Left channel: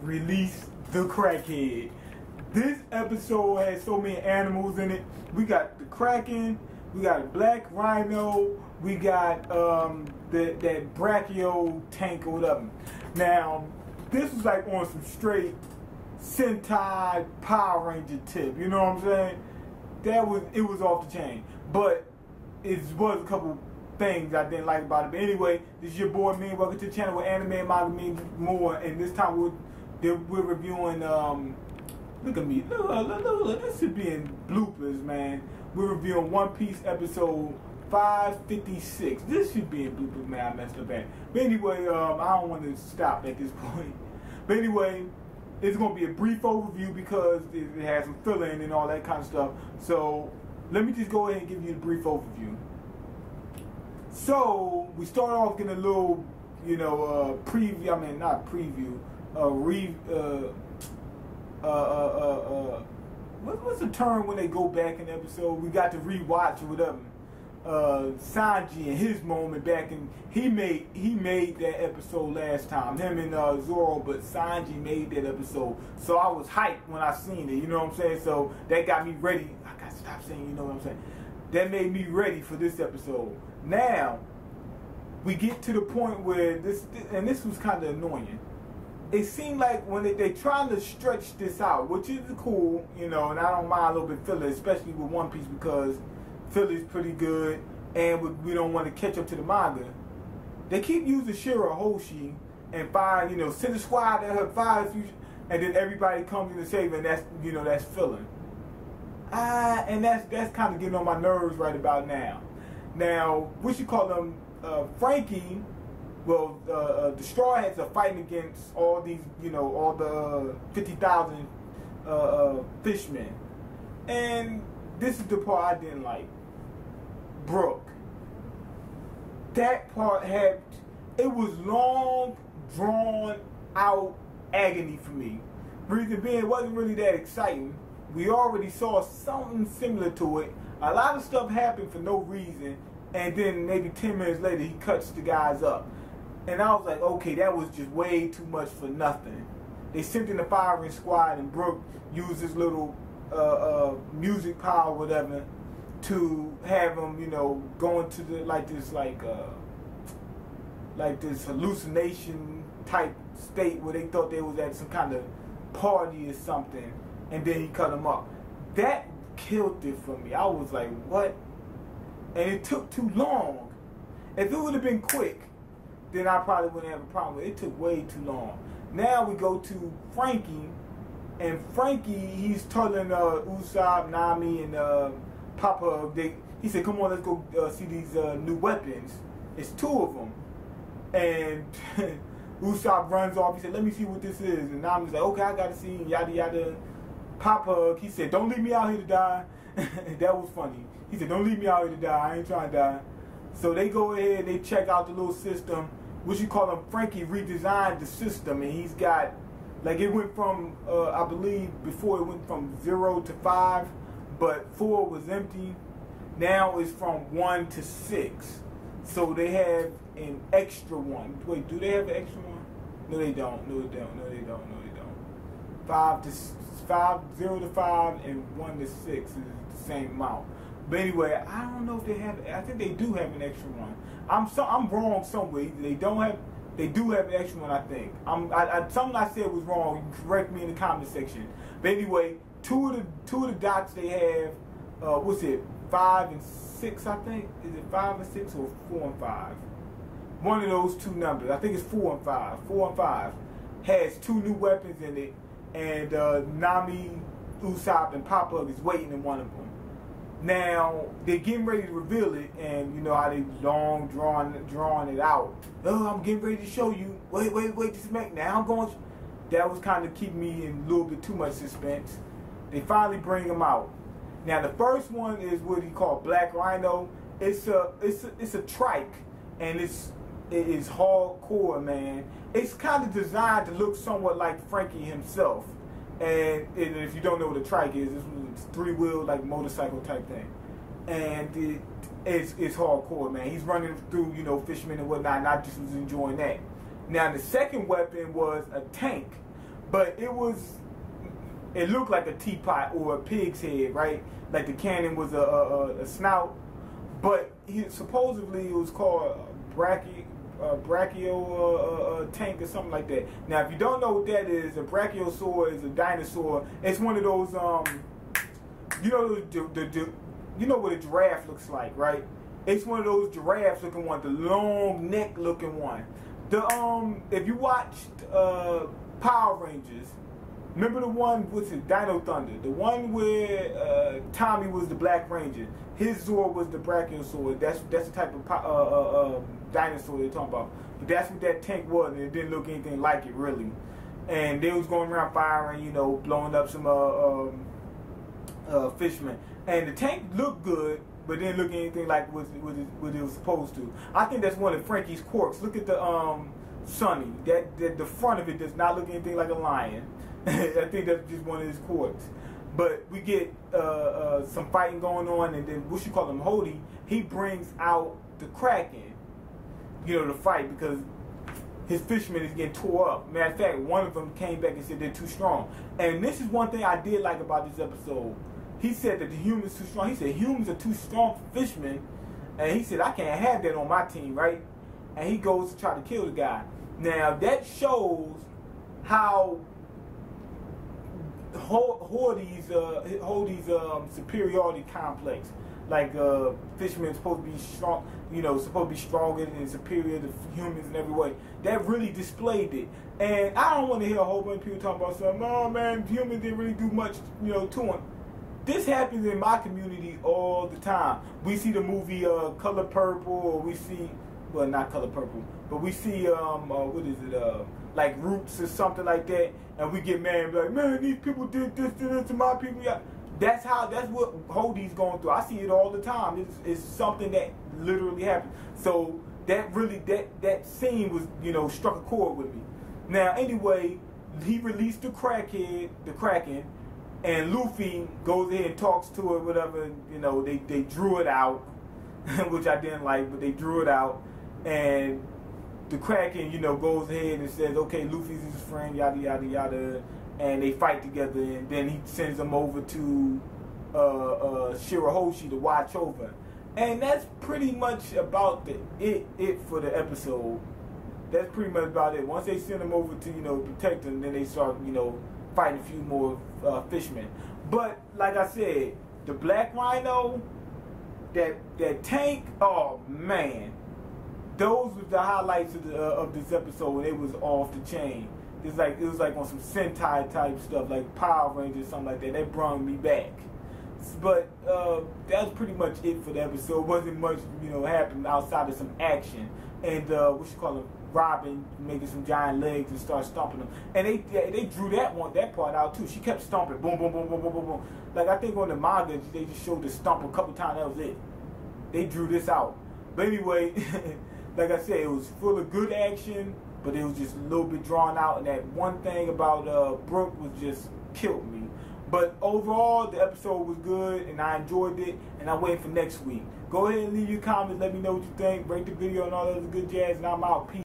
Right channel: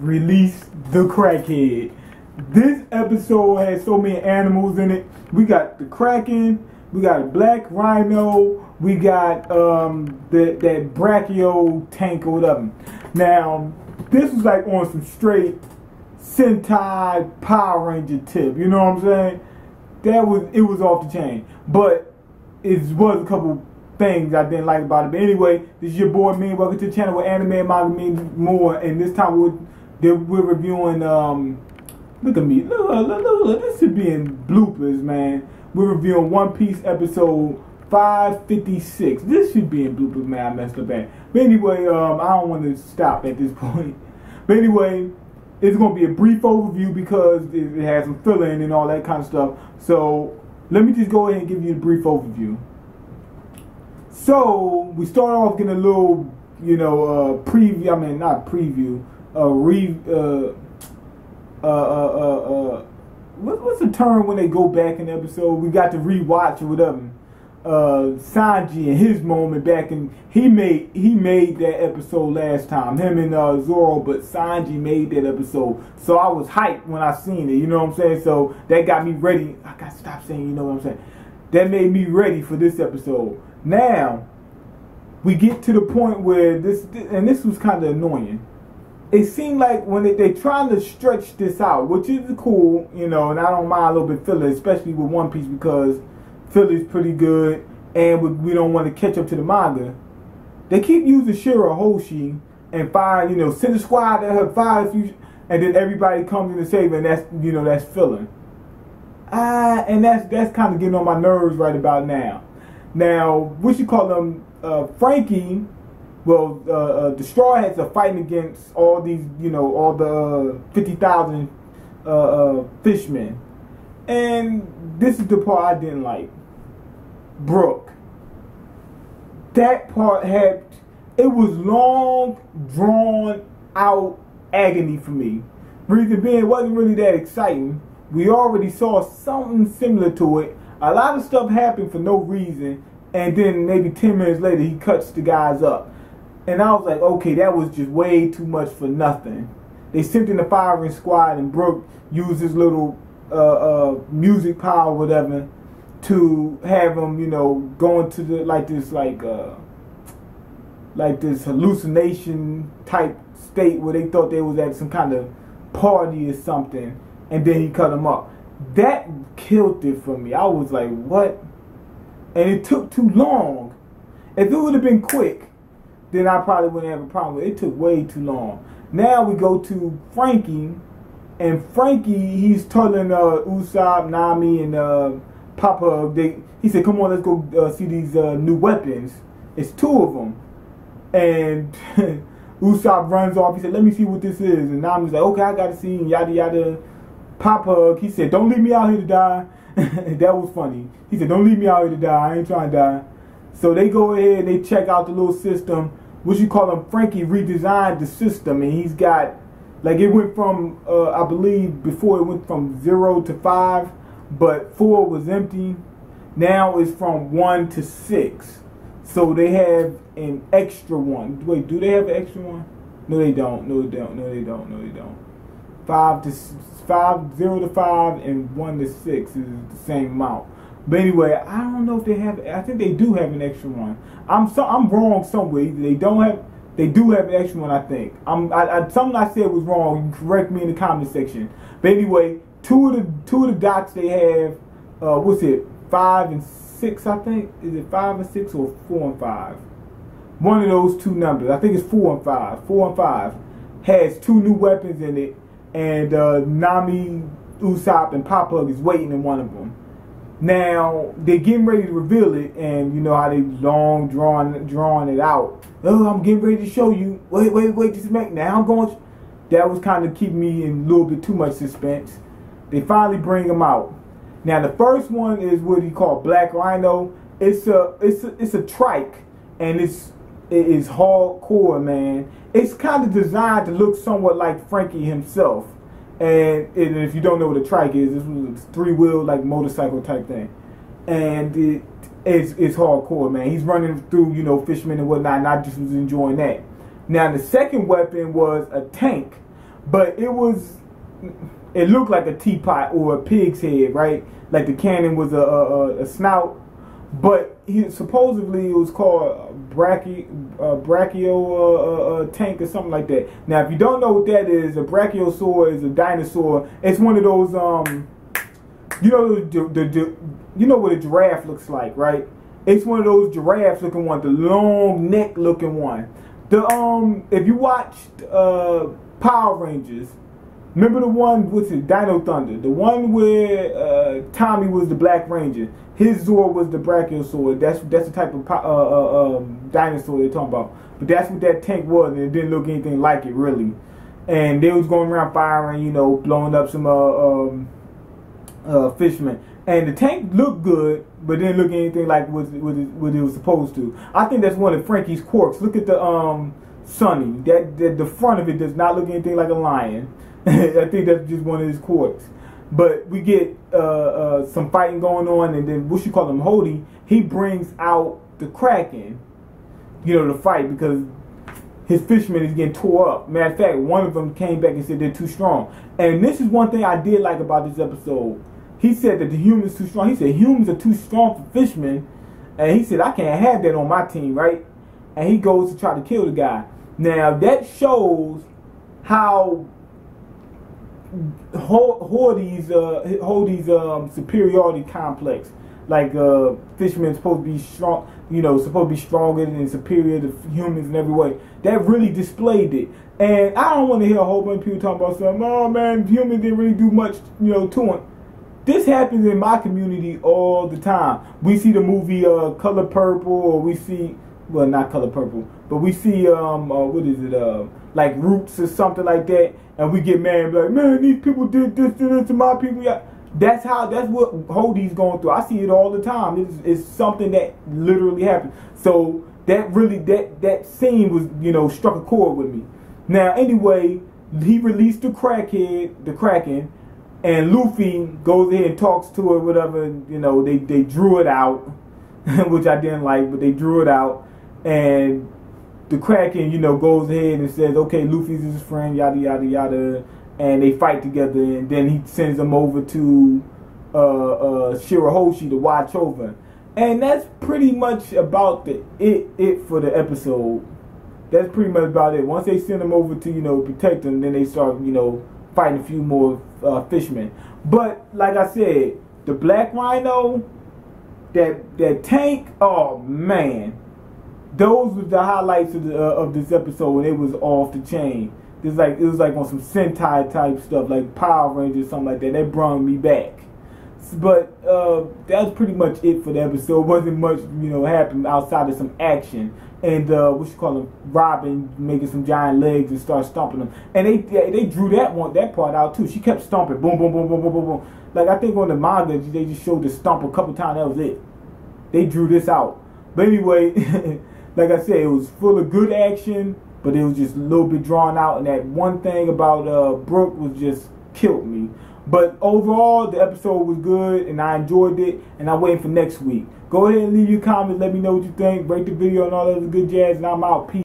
released the Crackhead. This episode has so many animals in it. We got the Kraken, we got a black rhino, we got that brachio tank or whatever. Now, this was like on some straight Sentai Power Ranger tip, you know what I'm saying? It was off the chain. But it was a couple things I didn't like about it. But anyway, this is your boy Mean. Welcome to the channel with anime and MangaMiyn more. And this time we're reviewing look at me. Look, this should be in bloopers, man. We're reviewing One Piece episode 556. This should be in bloopers, man. I messed up at. But anyway, I don't want to stop at this point. But anyway, it's going to be a brief overview because it has some fill-in and all that kind of stuff. So let me just go ahead and give you a brief overview. So we start off getting a little, preview. I mean, not preview. What's the term when they go back in the episode? We got to rewatch or whatever. Sanji and his moment back in he made that episode last time. Him and Zoro, but Sanji made that episode. So I was hyped when I seen it. You know what I'm saying? So that got me ready. I got to stop saying. You know what I'm saying? That made me ready for this episode. Now we get to the point where this was kind of annoying. It seemed like when they trying to stretch this out, which is cool, and I don't mind a little bit filler, especially with One Piece because filler's pretty good, and we don't want to catch up to the manga. They keep using Shirahoshi and send a squad at her, fire a few, and then everybody comes in to save her, and that's filler. And that's kind of getting on my nerves right about now. Now, what you call them, Frankie? Well, the Straw Hats are fighting against all these, all the 50,000 fishmen. And this is the part I didn't like. Brook. That part it was long, drawn out agony for me. Reason being, it wasn't really that exciting. We already saw something similar to it. A lot of stuff happened for no reason. And then maybe 10 minutes later, he cuts the guys up. And I was like, okay, that was just way too much for nothing. They sent in the firing squad, and Brook used his little music power, whatever, to have him, go into this hallucination type state where they thought they was at some kind of party or something, and then he cut him up. That killed it for me. I was like, what? And it took too long. If it would have been quick, then I probably wouldn't have a problem with it. It took way too long. Now we go to Frankie, and Frankie, he's telling Usopp, Nami, and Papa, he said, come on, let's go see these new weapons. It's 2 of them. And Usopp runs off. He said, let me see what this is. And Nami's like, okay, I got to see, and yada, yada. Papa, he said, don't leave me out here to die. That was funny. He said, don't leave me out here to die. I ain't trying to die. So they go ahead and they check out the little system. What you call him? Frankie redesigned the system, and he's got, it went from, I believe before it went from 0 to 5, but 4 was empty. Now it's from 1 to 6. So they have an extra one. Wait, do they have an extra one? No, they don't. No, they don't. No, they don't. No, they don't. 0 to 5 and 1 to 6 is the same amount. But anyway, I don't know if they have. I think they do have an extra one. I'm wrong somewhere. Either they do have an extra one. I think. Something I said was wrong. You can correct me in the comment section. But anyway, two of the dots they have. What's it? 5 and 6. I think. Is it 5 and 6 or 4 and 5? One of those 2 numbers. I think it's 4 and 5. 4 and 5 has 2 new weapons in it, and Nami, Usopp, and Papa is waiting in one of them. Now, they're getting ready to reveal it, and you know how they long drawing it out. Oh, I'm getting ready to show you. Wait, just make now. I'm going. That was kind of keeping me in a little bit too much suspense. They finally bring him out. Now, the first one is what he called Black Rhino. It's a trike, and it is hardcore, man. It's kind of designed to look somewhat like Frankie himself. And if you don't know what a trike is, this was a 3-wheel motorcycle type thing, and it's hardcore, man. He's running through fishermen and whatnot, and I just was enjoying that. Now the second weapon was a tank, but it looked like a teapot or a pig's head, right? Like the cannon was a snout, but supposedly it was called brachio tank or something like that. Now, if you don't know what that is, a brachiosaurus is a dinosaur. It's one of those you know what a giraffe looks like, right? It's one of those giraffe looking ones, the long neck looking one. If you watched Power Rangers, remember the one with the Dino Thunder, the one where Tommy was the Black Ranger, his Zord was the Brachiosaurus. That's the type of dinosaur they're talking about. But that's what that tank was, and it didn't look anything like it really. And they was going around firing, you know, blowing up some fishermen. And the tank looked good, but didn't look anything like what it was supposed to. I think that's one of Frankie's quirks. Look at the Sonny. The front of it does not look anything like a lion. I think that's just one of his quirks. But we get some fighting going on, and then what you call him, Hody, he brings out the Kraken, you know, to fight because his fisherman is getting tore up. Matter of fact, one of them came back and said they're too strong. And this is one thing I did like about this episode. He said that the humans too strong. He said humans are too strong for fishermen. And he said, I can't have that on my team, right? And he goes to try to kill the guy. Now, that shows how Hody's superiority complex. Like, fishermen supposed to be strong, you know, supposed to be stronger and superior to humans in every way. That really displayed it. And I don't want to hear a whole bunch of people talking about something, oh man, humans didn't really do much, you know, to them. This happens in my community all the time. We see the movie Color Purple, or we see, well, not Color Purple, but we see, what is it, like Roots or something like that, and we get mad and be like, man, these people did this to my people. Yeah. That's what Hody's going through. I see it all the time. It's something that literally happened. So that really, that scene was, you know, struck a chord with me. Now, anyway, he released the Kraken, and Luffy goes in and talks to her, whatever, you know, they drew it out, which I didn't like, but they drew it out, and the Kraken, you know, goes ahead and says, okay, Luffy's his friend, yada, yada, yada, and they fight together, and then he sends them over to Shirahoshi to watch over. And that's pretty much about it for the episode. That's pretty much about it. Once they send them over to, you know, protect them, then they start, you know, fighting a few more fishermen. But like I said, the Black Rhino, that tank, oh man, those were the highlights of this episode, and it was off the chain. It was like on some Sentai type stuff, like Power Rangers, something like that. That brought me back. But that's pretty much it for the episode. Wasn't much, you know, happened outside of some action. And what you call them, Robin making some giant legs and start stomping them. And they drew that part out too. She kept stomping, boom, boom, boom, boom, boom, boom, boom. Like I think on the manga they just showed the stomp a couple times. That was it. They drew this out. But anyway, like I said, it was full of good action, but it was just a little bit drawn out. And that one thing about Brooke was just killed me. But overall, the episode was good, and I enjoyed it, and I'm waiting for next week. Go ahead and leave your comments. Let me know what you think. Rate the video and all that other good jazz, and I'm out. Peace.